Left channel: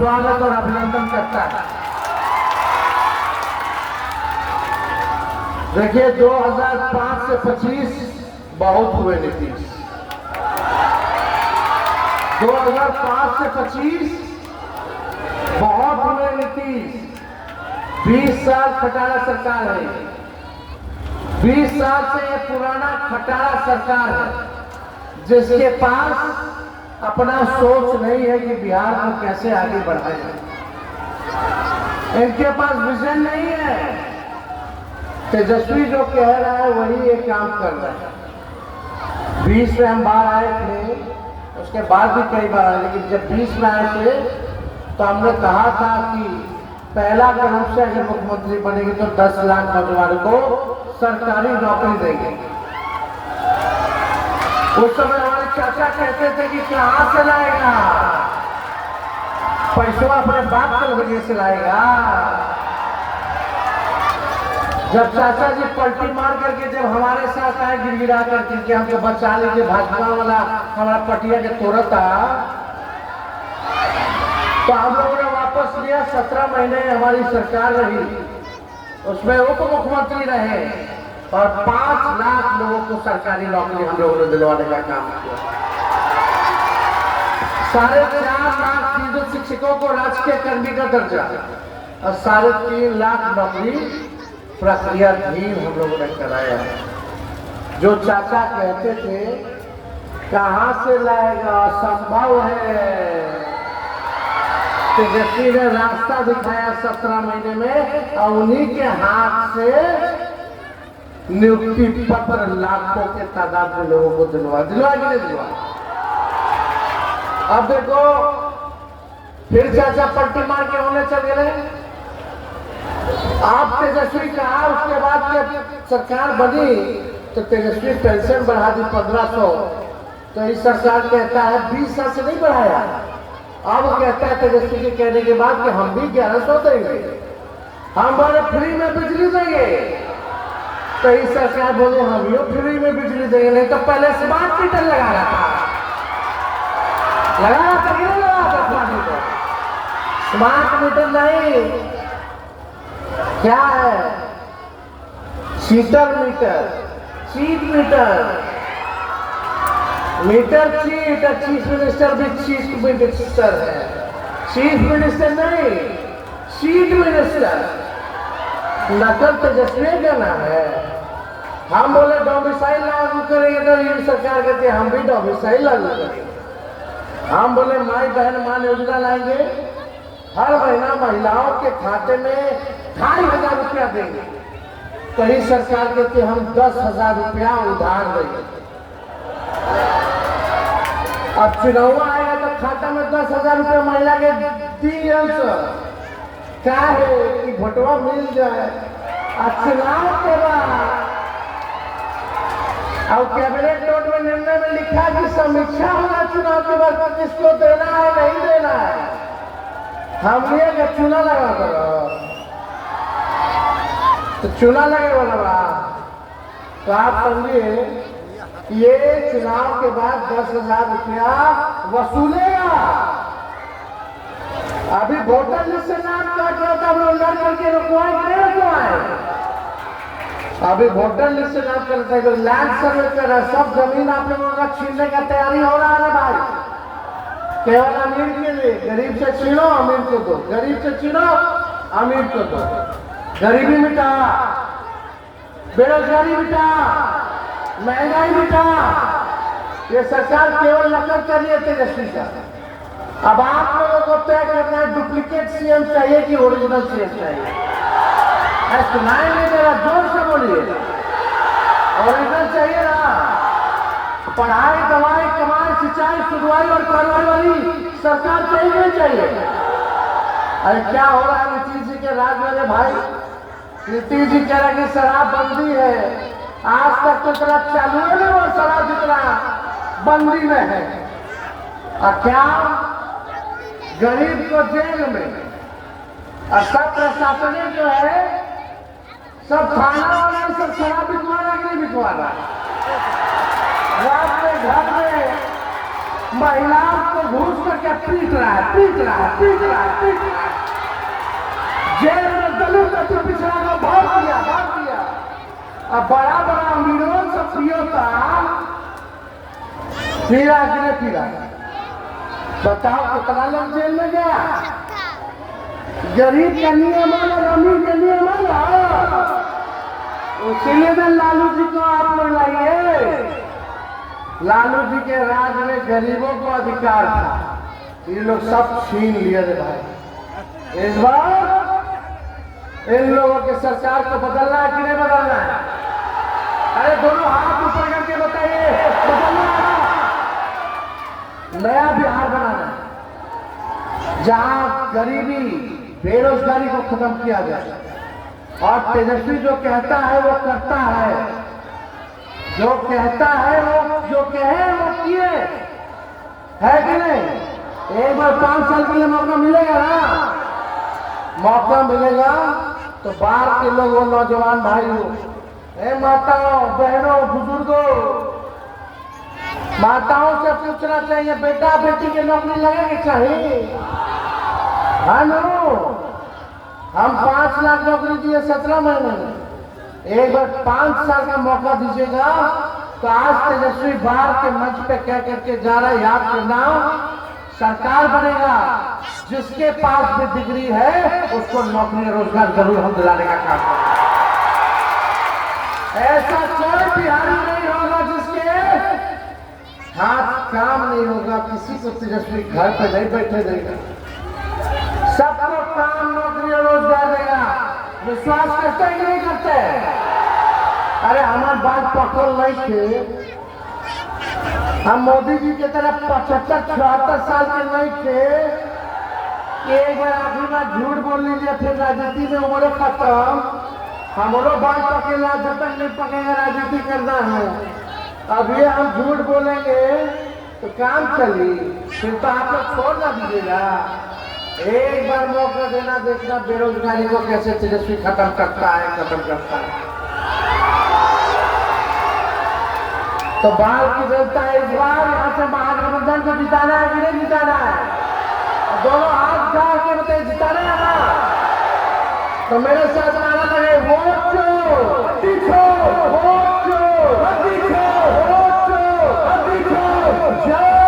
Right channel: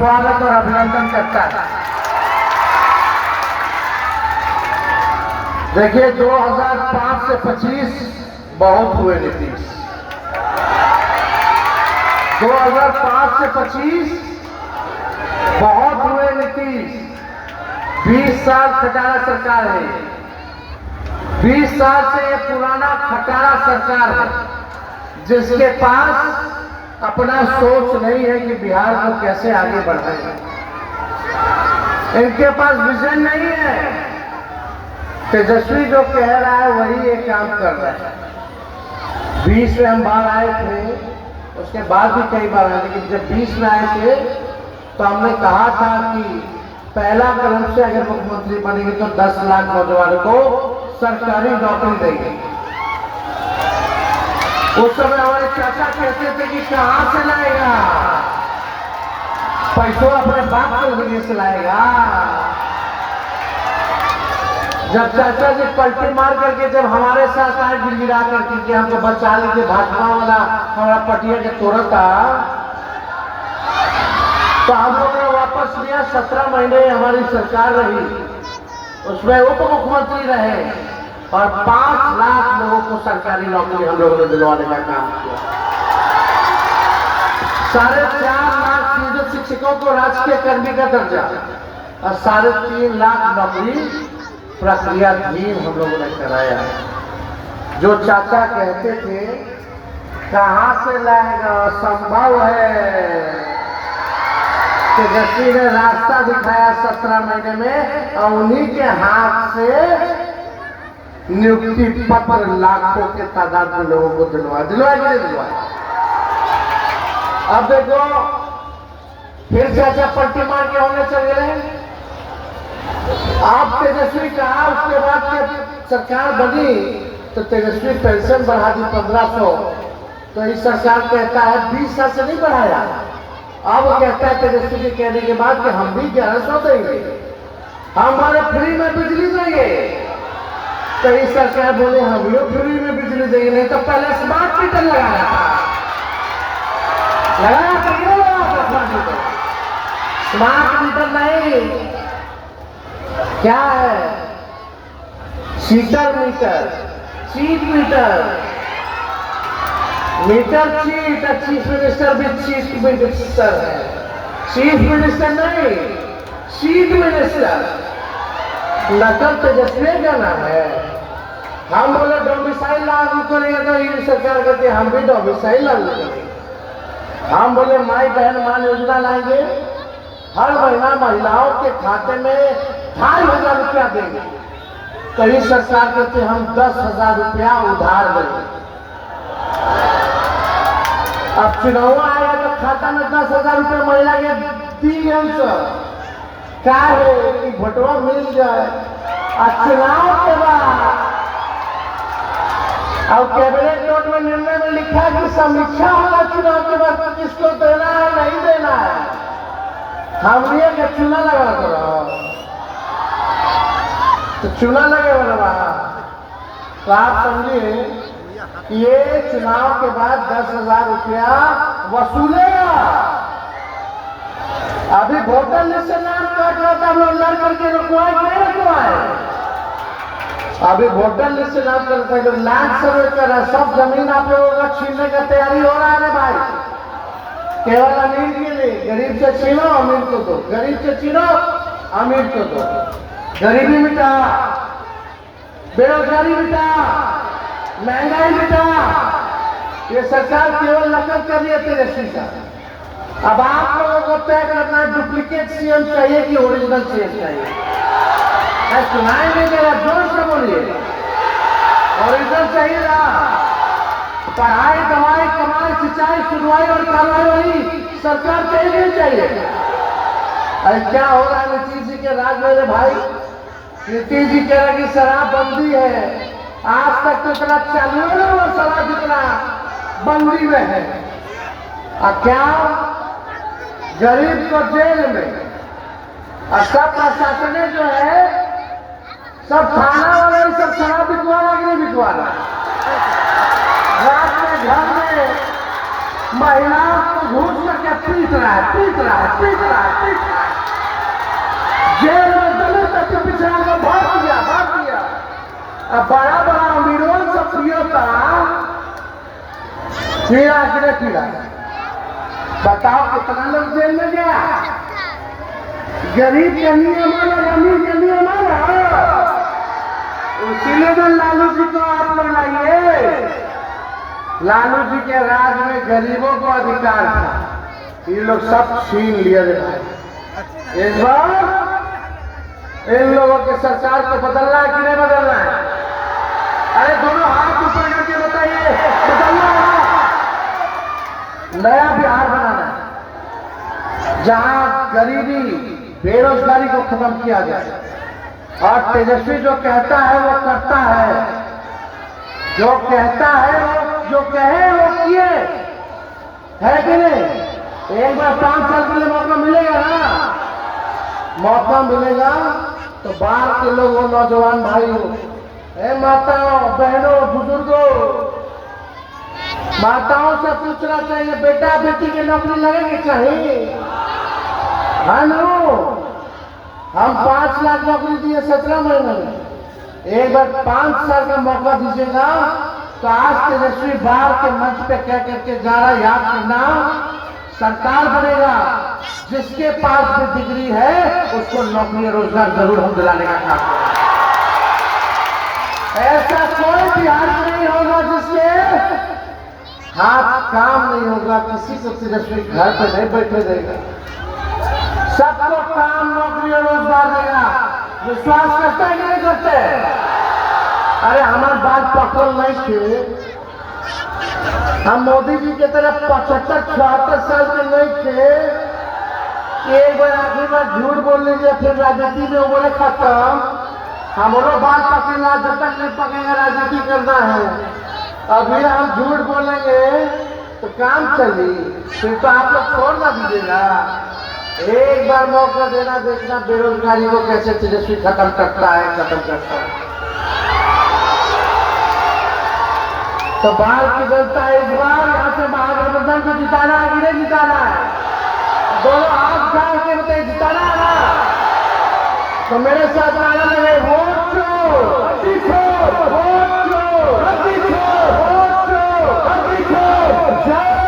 स्वागत और अभिनंदन करता है। देखिए 2005 से 25 बहुत हुए नीतीश, 2005 से 25 बहुत हुए नीतीश। 20 साल खटारा सरकार है, 20 साल से ये पुराना खटारा सरकार है जिसके पास अपना सोच नहीं है कि बिहार को कैसे आगे बढ़ाएं। इनके पास विजन नहीं है। तेजस्वी जो कह रहा है वही ये काम कर रहा है। 20 में हम बाहर आए थे, उसके बाद भी कई बार आए, लेकिन जब 20 में आए थे तो हमने कहा था कि पहला कदम से अगर मुख्यमंत्री बनेंगे तो 10 लाख नौजवानों को सरकारी नौकरी देंगे। उस समय हमारे चाचा कहते थे कि कहां से लाएगा पैसों, अपने बाप के जरिए से लाएगा। जब चाचा जी पलटी मार करके जब हमारे साथ आए गिड़गिड़ा करके कि हमको बचा लीजिए, भाजपा वाला हमारा पटिया के तोड़ता, तो हम लोग ने वापस लिया। 17 महीने हमारी सरकार रही, उसमें उप मुख्यमंत्री रहे और 5 लाख लोगों को सरकारी नौकरी हम लोगों ने दिलवाने का काम किया। 4.5 लाख सीधे शिक्षकों को राजकीय कर्मी का दर्जा और 3.5 लाख नौकरी प्रक्रियाधीन हम लोगों ने कराया। जो चाचा कहते थे कहां से लाएगा, असंभव है। तेजस्वी ने रास्ता दिखाया 17 महीने में और उन्हीं के हाथ से नियुक्ति पत्र लाखों के तादाद में लोगों को दिलवा। अब देखो फिर चाचा पलटी मार के होने चल गए। आप तेजस्वी कहा, उसके बाद जब सरकार बनी तो तेजस्वी पेंशन बढ़ा दी 1500, तो इस सरकार कहता है 20 साल से नहीं बढ़ाया। अब कहता है तेजस्वी के कहने के बाद कि हम भी 1100 देंगे, हमारे फ्री में बिजली देंगे। तो इस सरकार बोले हम भी फ्री में बिजली देंगे, नहीं तो पहले स्मार्ट मीटर लगाया था, स्मार्ट मीटर नहीं, क्या है शीटर meter, cheat meter, meter cheat. Chief minister भी चीफ मिनिस्टर है, चीफ मिनिस्टर नहीं चीफ मिनिस्टर। नकल तेजस्वी का नाम है। हम बोले डोमिसाइल लागू करेंगे तो ये सरकार कहती है हम भी डोमिसाइल लागू करेंगे। हम बोले माई बहन मान योजना लाएंगे, हर महीना महिलाओं के खाते में 2,500 रुपया देंगे। कई सरकार कहते हम 10,000 रुपया उधार देंगे। अब चुनाव आएगा तो खाता में 10,000 रुपया महिला के दिए, क्या है कि भोटवा मिल जाए। और चुनाव के बाद और कैबिनेट नोट में निर्णय में लिखा कि समीक्षा होगा चुनाव के बाद किसको देना है नहीं देना है। हम लिए कि चूना लगा करो, तो चूना लगे बना। तो आप समझिए ये चुनाव के बाद 10,000 रुपया वसूलेगा। अभी वोटर लिस्ट से नाम काट रहा था, हम लोग लड़ करके रुकवाए नहीं रुकवाए। अभी वोटर लिस्ट से नाम करता है तो लैंड सर्वे कर रहा, सब जमीन आप लोगों का छीनने का तैयारी हो रहा है भाई। केवल अमीर के लिए, गरीब से छीनो अमीर को दो, गरीब से छीनो अमीर को दो। गरीबी मिटा, बेरोजगारी मिटा, महंगाई मिटा। ये सरकार केवल नकल कर रही है तेजस्वी का। अब आप लोगों को तय करना है डुप्लीकेट सीएम चाहिए कि ओरिजिनल सीएम चाहिए। सुनाई नहीं दे रहा, जोर से बोलिए। ओरिजिनल चाहिए ना, पढ़ाई दवाई कमाई सिंचाई सुनवाई और कार्रवाई वाली सरकार चाहिए नहीं चाहिए। अरे क्या हो रहा है नीतीश जी के राज में भाई। नीतीश जी कह रहे कि शराबबंदी है, आज तक तो इतना चालू है ना, वो शराब जितना बंदी में है। और क्या गरीब को जेल में, और सब प्रशासन जो है सब थाना वाला ही सब शराब बिकवाना कि नहीं बिकवाना। रात में घर में महिलाओं को घूस करके पीट रहा है, पीट रहा है, पीट रहा है, पीट रहा है। जेल में दलित अति पिछड़ा को भाग दिया। अब बड़ा अमीरों से पियो का पीड़ा। बताओ कितना लोग जेल में गया? गरीब का नियम और अमीर का नियम है। इसीलिए तो लालू जी को आप लोग लाइए। लालू जी के राज में गरीबों को अधिकार था, ये लोग सब छीन लिए रे भाई। इस बार इन लोगों की सरकार को बदलना है कि नहीं बदलना है? अरे दोनों हाथ ऊपर करके बताइए, बदलना है। नया बिहार बनाना है जहां गरीबी बेरोजगारी को खत्म किया जाए और तेजस्वी जो कहता है वो करता है, जो कहता है वो जो कहे वो किए, है कि नहीं? एक बार 5 साल के लिए मौका मिलेगा ना, मौका मिलेगा तो बाहर के लोगों, नौजवान भाइयों, माताओं, बहनों, बुजुर्गों, माताओं से पूछना चाहिए बेटा बेटी की नौकरी लगेगी चाहिए, है ना? हम 5 लाख नौकरी दिए 17 महीने में, एक बार 5 साल का मौका दीजिएगा तो आज तेजस्वी बाहर के मंच पे कह करके जा रहा, याद करना, सरकार बनेगा, जिसके पास भी डिग्री है उसको नौकरी रोजगार जरूर हम दिलाने का काम करेंगे। ऐसा कोई बिहार नहीं होगा जिसके हाथ काम नहीं होगा, किसी को तेजस्वी घर पर नहीं बैठे देगा, सबको काम, नौकरी और रोजगार देगा। विश्वास करते हैं कि नहीं करते? अरे हमारे बात पकड़ नहीं थे, हम मोदी जी की तरफ 75-76 साल के नहीं थे कि एक बार आखिरी बार झूठ बोल लीजिए फिर राजनीति में उम्र खत्म। हम लोग बात पकड़ना, जब तक नहीं पकेगा राजनीति करना है। अभी हम झूठ बोलेंगे तो काम चली, फिर तो आप लोग छोड़ ना दीजिएगा। एक बार मौका देना, देखना बेरोजगारी को कैसे तेजस्वी खत्म करता है। तो बाहर की जनता इस बार यहाँ से महागठबंधन को जिताना है कि नहीं जिताना है? दोनों हाथ उठा के बताइए, जिताना है ना? तो मेरे साथ नारा लगे, वोट दो, जय